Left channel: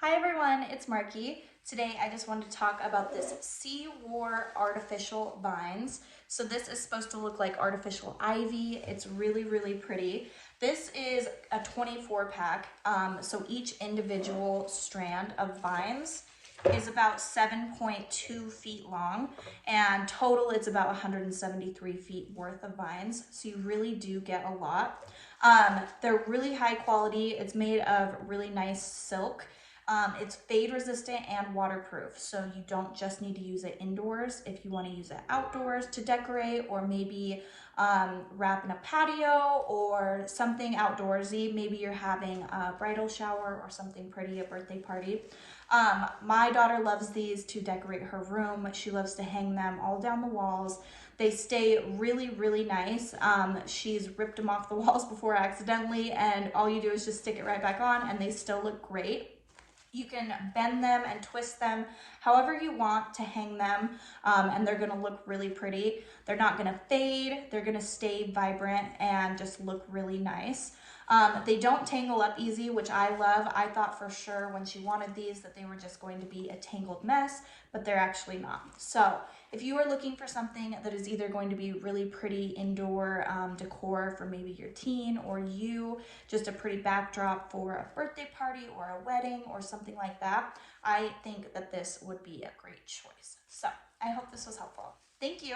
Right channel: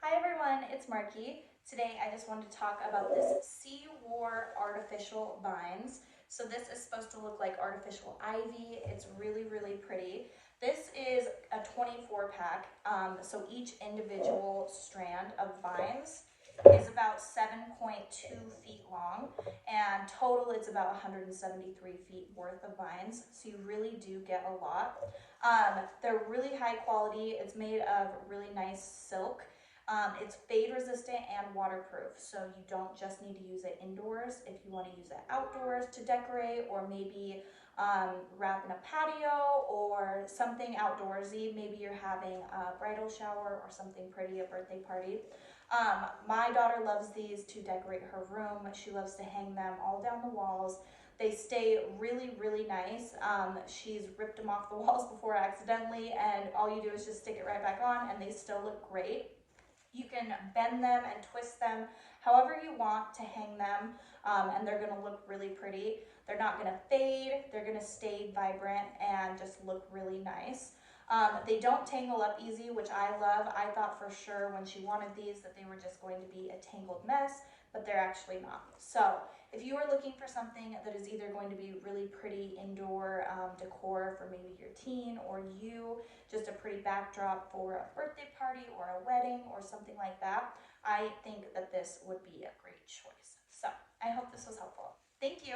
Hi everyone, it's Marky. Today I just wanted to talk about this CEWOR artificial vines. So this is supposed to look like artificial ivy. It's really, really pretty. This is a 24 pack, so each individual strand of vines is about 7.2 feet long, and total it's about 173 feet worth of vines, so you really do get a lot. They're really high quality. It's made of really nice silk. It's fade resistant and waterproof, so you don't just need to use it indoors. If you want to use it outdoors to decorate, or maybe wrap in a patio or something outdoorsy, maybe you're having a bridal shower or something pretty, a birthday party. My daughter loves these to decorate her room. She loves to hang them all down the walls. They stay really, really nice. She's ripped them off the walls before accidentally, and all you do is just stick it right back on and they still look great. You can bend them and twist them however you want to hang them, and they're gonna look really pretty. They're not gonna fade, they're gonna stay vibrant and just look really nice. They don't tangle up easy, which I love. I thought for sure when she wanted these that they were just going to be a tangled mess, but they're actually not. So if you are looking for something that is either going to be really pretty indoor decor for maybe your teen or you, just a pretty backdrop for a birthday party or a wedding or something like that, I think that this would be a great choice. So I hope this was helpful. Thank you.